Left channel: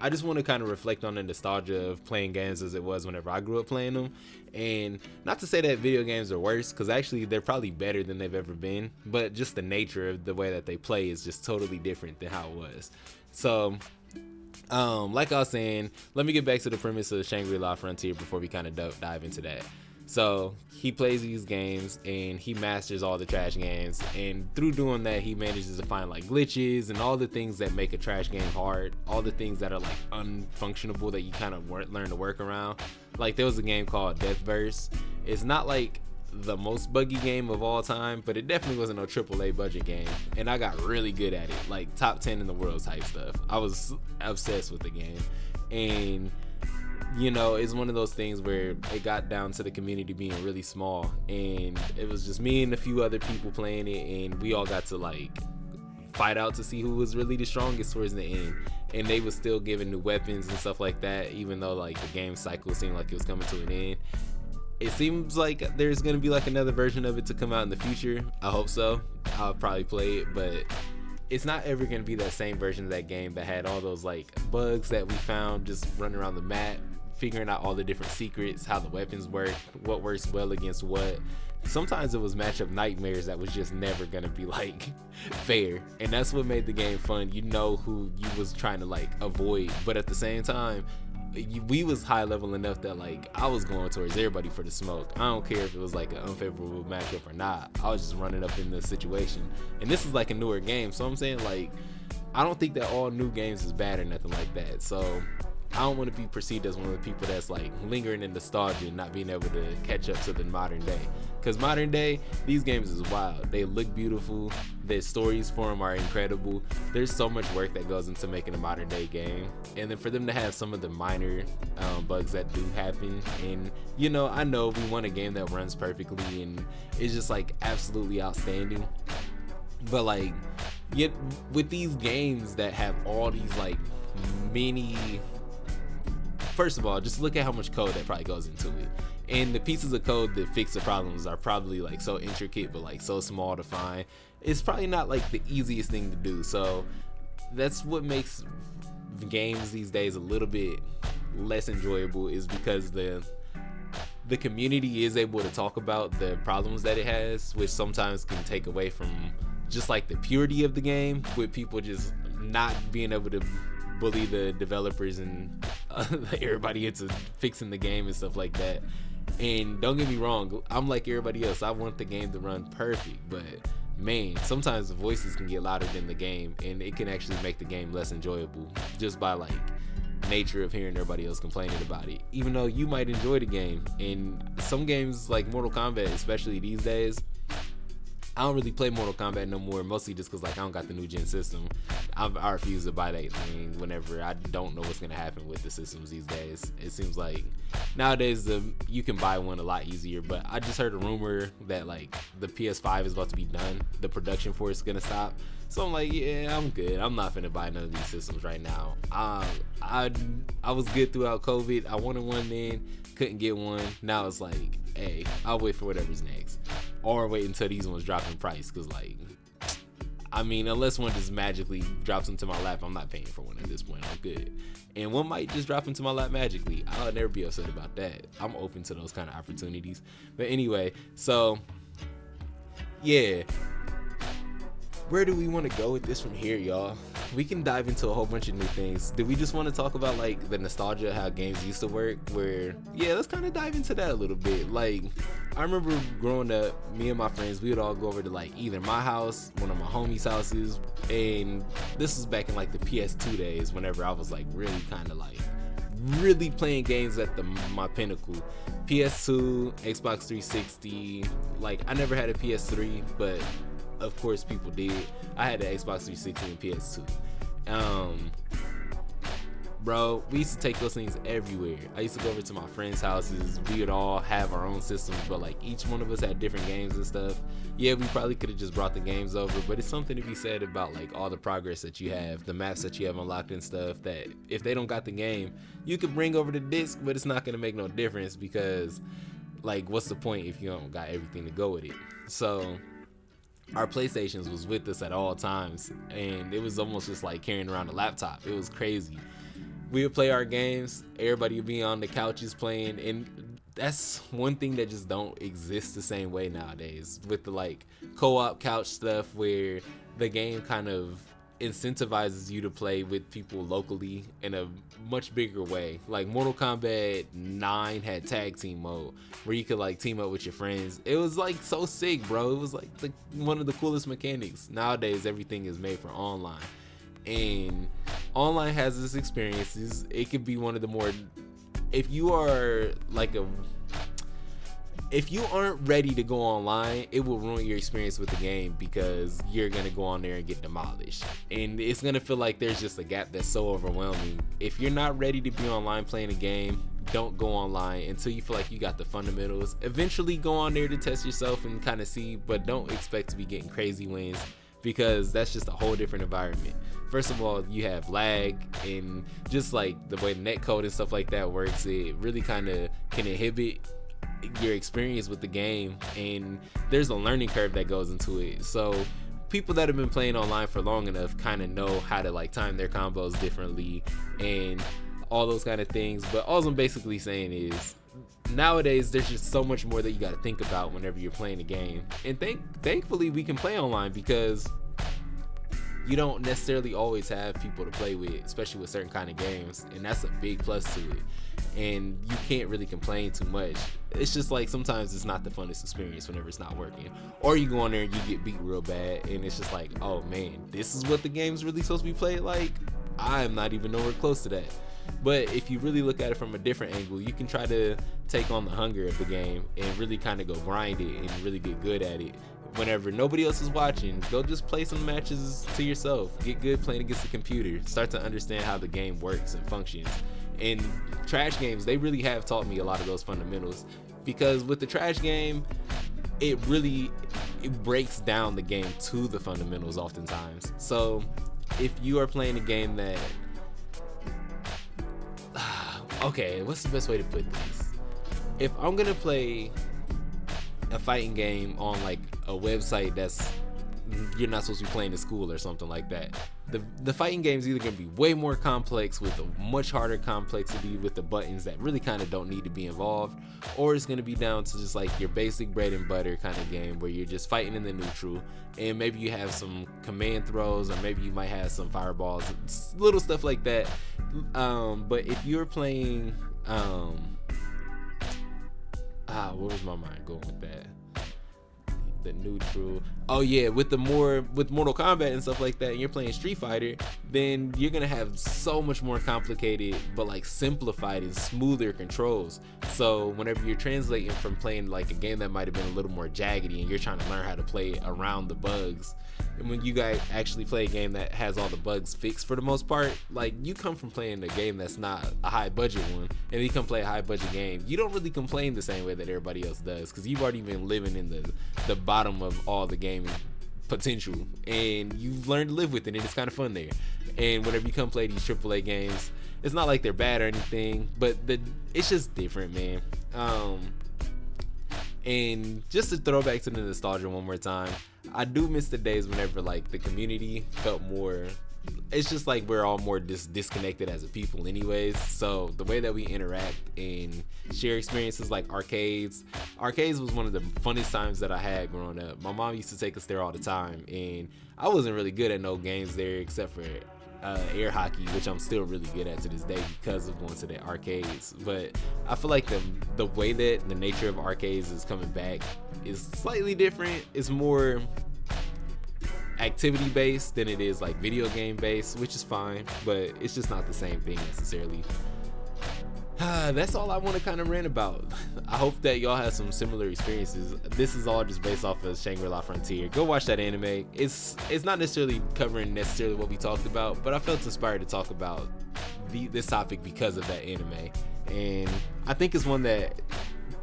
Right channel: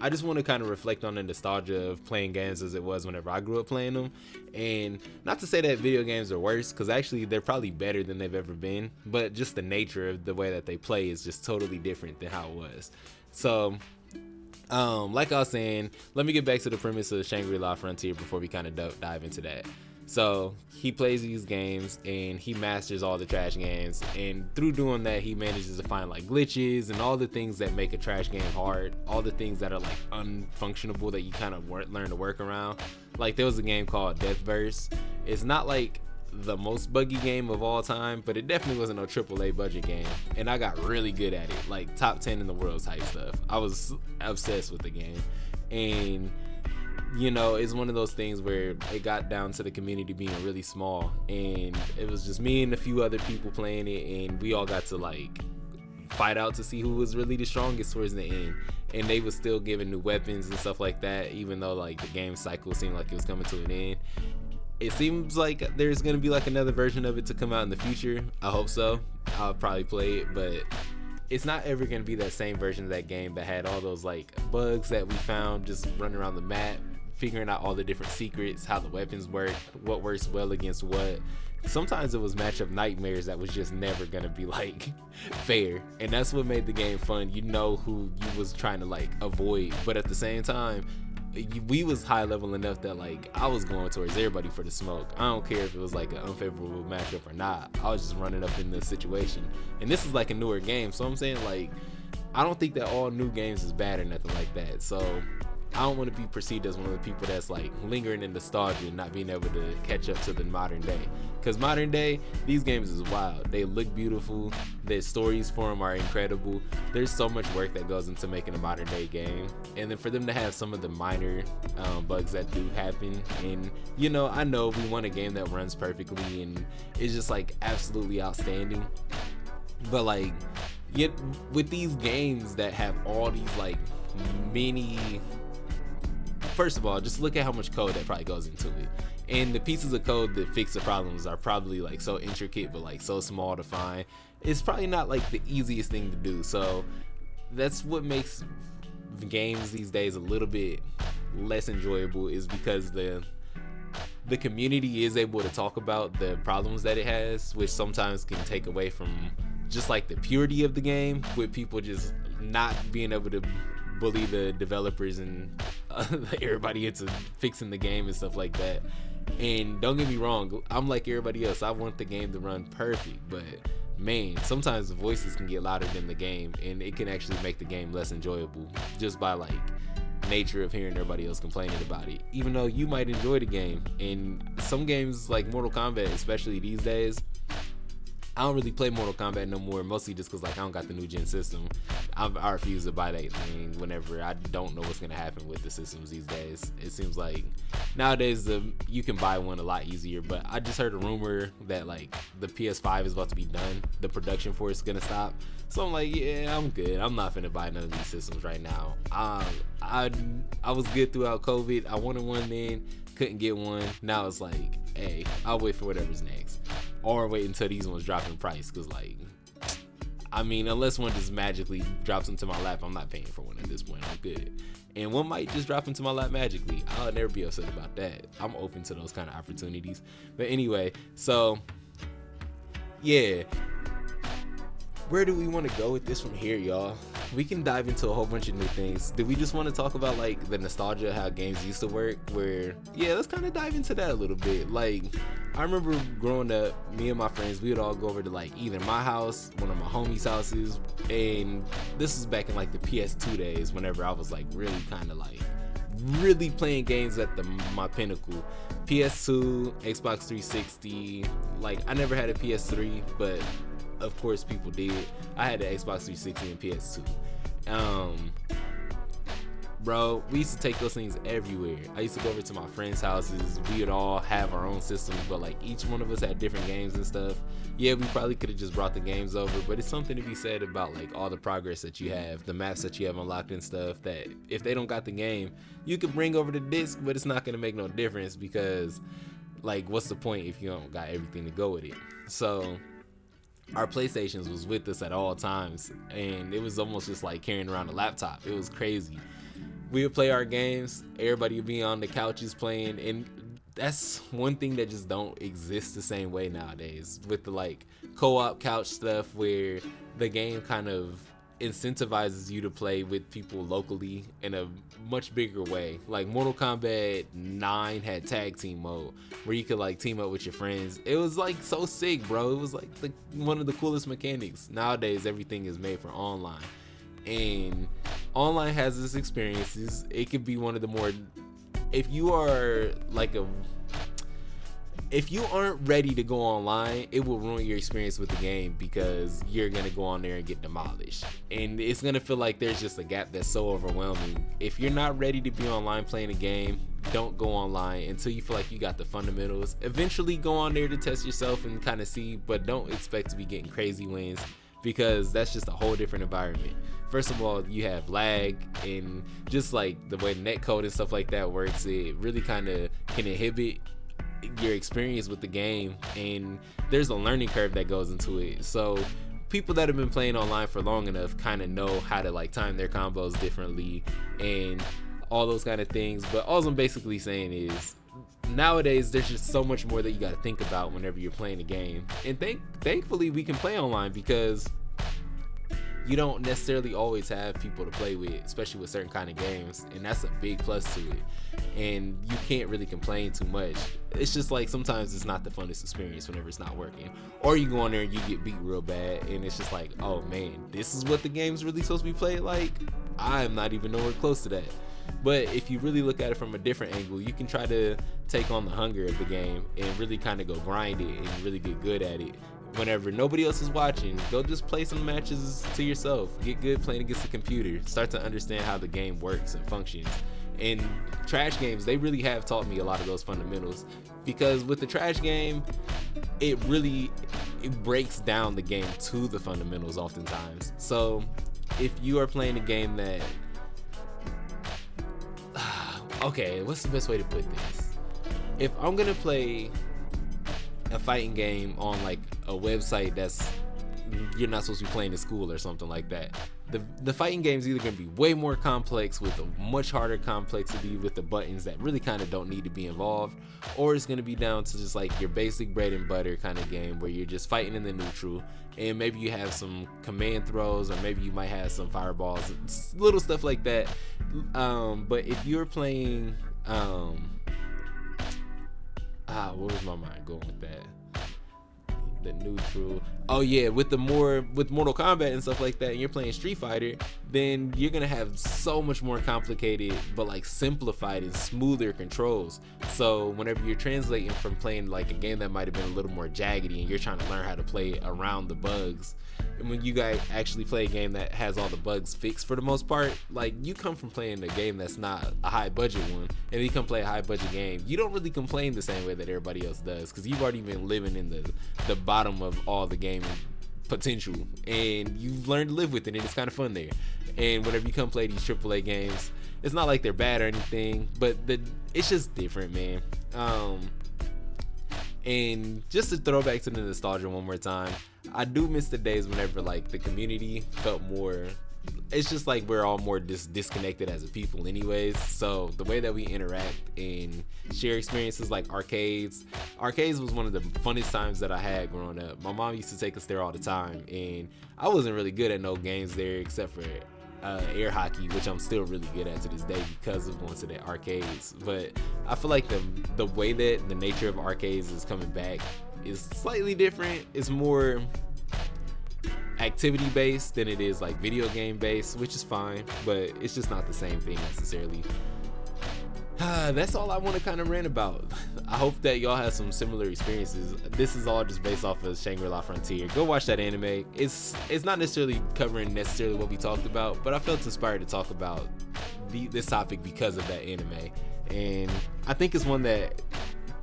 I just want to kind of reflect on the nostalgia of playing games as it was whenever I grew up playing them. And not to say that video games are worse, because actually they're probably better than they've ever been, but just the nature of the way that they play is just totally different than how it was. So like I was saying, let me get back to the premise of Shang Ri La Frontier before we kind of dive into that. So he plays these games and he masters all the trash games, and through doing that he manages to find like glitches and all the things that make a trash game hard, all the things that are like unfunctionable that you kind of learn to work around. Like there was a game called Deathverse. It's not like the most buggy game of all time, but it definitely wasn't no AAA budget game, and I got really good at it, like top 10 in the world type stuff. I was obsessed with the game, and you know, it's one of those things where it got down to the community being really small, and it was just me and a few other people playing it, and we all got to like fight out to see who was really the strongest towards the end. And they was still giving new weapons and stuff like that, even though like the game cycle seemed like it was coming to an end. It seems like there's gonna be like another version of it to come out in the future. I hope so. I'll probably play it, but it's not ever gonna be that same version of that game that had all those like bugs that we found just running around the map, figuring out all the different secrets, how the weapons work, what works well against what. Sometimes it was matchup nightmares that was just never gonna be like fair, and that's what made the game fun. You know who you was trying to like avoid, but at the same time we was high level enough that like I was going towards everybody for the smoke. I don't care if it was like an unfavorable matchup or not. I was just running up in the situation, and this is like a newer game, so I'm saying like I don't think that all new games is bad or nothing like that. So I don't want to be perceived as one of the people that's like lingering in nostalgia and not being able to catch up to the modern day. Because modern day, these games is wild. They look beautiful. The stories for them are incredible. There's so much work that goes into making a modern day game. And then for them to have some of the minor bugs that do happen. And, you know, I know we want a game that runs perfectly and is just like absolutely outstanding. But like, yet with these games that have all these like mini... First of all, just look at how much code that probably goes into it. And the pieces of code that fix the problems are probably like so intricate but like so small to find. It's probably not like the easiest thing to do. So that's what makes games these days a little bit less enjoyable, is because the community is able to talk about the problems that it has, which sometimes can take away from just like the purity of the game, with people just not being able to bully the developers and everybody into fixing the game and stuff like that. And don't get me wrong, I'm like everybody else. I want the game to run perfect, but man, sometimes the voices can get louder than the game, and it can actually make the game less enjoyable just by like nature of hearing everybody else complaining about it, even though you might enjoy the game. And some games like Mortal Kombat, especially these days, I don't really play Mortal Kombat no more, mostly just because like I don't got the new gen system. I refuse to buy that thing whenever I don't know what's gonna happen with the systems these days. It seems like nowadays you can buy one a lot easier, but I just heard a rumor that like the PS5 is about to be done, the production for it's gonna stop. So I'm like, yeah, I'm good. I'm not finna buy none of these systems right now. I was good throughout COVID. I wanted one then, couldn't get one. Now it's like, hey, I'll wait for whatever's next, or wait until these ones drop in price. Cause like, I mean, unless one just magically drops into my lap, I'm not paying for one at this point. I'm good. And one might just drop into my lap magically. I'll never be upset about that. I'm open to those kind of opportunities. But anyway, so yeah, where do we want to go with this from here, y'all? We can dive into a whole bunch of new things. Do we just want to talk about like the nostalgia of how games used to work? Where, yeah, let's kind of dive into that a little bit. Like, I remember growing up, me and my friends, we would all go over to like either my house, one of my homies' houses, and this was back in like the PS2 days, whenever I was like really kind of like really playing games at my pinnacle. PS2, Xbox 360, like I never had a PS3, but of course people did. I had the Xbox 360 and PS2. Bro, we used to take those things everywhere. I used to go over to my friends' houses. We would all have our own systems, but like each one of us had different games and stuff. Yeah, we probably could have just brought the games over, but it's something to be said about like all the progress that you have, the maps that you have unlocked and stuff, that if they don't got the game, you could bring over the disc, but it's not gonna make no difference, because like what's the point if you don't got everything to go with it? So our PlayStations was with us at all times, and it was almost just like carrying around a laptop. It was crazy. We would play our games, everybody would be on the couches playing, and that's one thing that just don't exist the same way nowadays with the like co-op couch stuff, where the game kind of incentivizes you to play with people locally in a much bigger way. Like Mortal Kombat 9 had tag team mode where you could like team up with your friends. It was like so sick, bro. It was like one of the coolest mechanics. Nowadays everything is made for online, and online has its experiences. It could be one of the more, if you are like a, if you aren't ready to go online, it will ruin your experience with the game, because you're gonna go on there and get demolished, and it's gonna feel like there's just a gap that's so overwhelming. If you're not ready to be online playing a game, don't go online until you feel like you got the fundamentals. Eventually go on there to test yourself and kind of see, but don't expect to be getting crazy wins, because that's just a whole different environment. First of all, you have lag, and just like the way netcode and stuff like that works, it really kind of can inhibit your experience with the game, and there's a learning curve that goes into it. So people that have been playing online for long enough kind of know how to like time their combos differently and all those kind of things. But all I'm basically saying is, nowadays there's just so much more that you got to think about whenever you're playing a game, and thankfully we can play online, because you don't necessarily always have people to play with, especially with certain kind of games, and that's a big plus to it. And you can't really complain too much. It's just like sometimes it's not the funnest experience whenever it's not working, or you go on there and you get beat real bad, and it's just like, oh man, this is what the game's really supposed to be played like. I'm not even nowhere close to that. But if you really look at it from a different angle, you can try to take on the hunger of the game and really kind of go grind it and really get good at it. Whenever nobody else is watching, go just play some matches to yourself. Get good playing against the computer. Start to understand how the game works and functions. And trash games, they really have taught me a lot of those fundamentals, because with the trash game, it breaks down the game to the fundamentals oftentimes. So if you are playing a game that okay, what's the best way to put this? If I'm gonna play a fighting game on like a website that's you're not supposed to be playing in school or something like that, the fighting game is either going to be way more complex with a much harder complexity with the buttons that really kind of don't need to be involved, or it's going to be down to just like your basic bread and butter kind of game where you're just fighting in the neutral, and maybe you have some command throws, or maybe you might have some fireballs, little stuff like that. But if you're playing where was my mind going with that? The neutral. Oh yeah, with Mortal Kombat and stuff like that, and you're playing Street Fighter, then you're gonna have so much more complicated but like simplified and smoother controls. So whenever you're translating from playing like a game that might have been a little more jaggedy, and you're trying to learn how to play around the bugs, and when you guys actually play a game that has all the bugs fixed for the most part, like you come from playing a game that's not a high budget one, and you come play a high budget game, you don't really complain the same way that everybody else does, because you've already been living in the bottom of all the gaming potential, and you've learned to live with it, and it's kind of fun there. And whenever you come play these AAA games, it's not like they're bad or anything, but it's just different, man. And just to throw back to the nostalgia one more time, I do miss the days whenever like the community felt more, it's just like we're all more disconnected as a people anyways. So the way that we interact and share experiences, like arcades was one of the funnest times that I had growing up. My mom used to take us there all the time, and I wasn't really good at no games there except for air hockey, which I'm still really good at to this day because of going to the arcades. But I feel like the way that the nature of arcades is coming back is slightly different. It's more activity based than it is like video game based, which is fine, but it's just not the same thing necessarily. That's all I want to kind of rant about. I hope that y'all have some similar experiences. This is all just based off of Shang Ri La Frontier. Go watch that anime. It's not necessarily covering necessarily what we talked about, but I felt inspired to talk about this topic because of that anime, and I think it's one that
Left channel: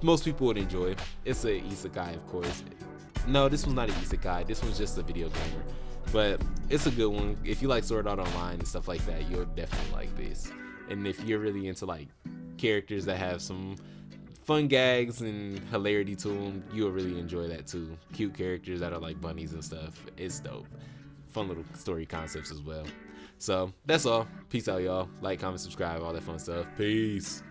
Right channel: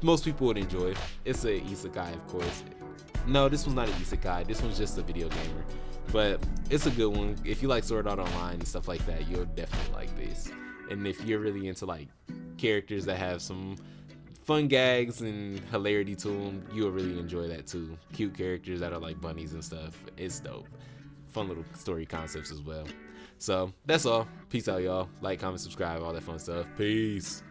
most people would enjoy. It's a isekai, of course. No, this one's not an isekai. This one's just a video gamer, but it's a good one. If you like Sword Art Online and stuff like that, you'll definitely like this. And if you're really into like characters that have some fun gags and hilarity to them, you'll really enjoy that too. Cute characters that are like bunnies and stuff. It's dope. Fun little story concepts as well. So that's all. Peace out, y'all. Like, comment, subscribe, all that fun stuff. Peace.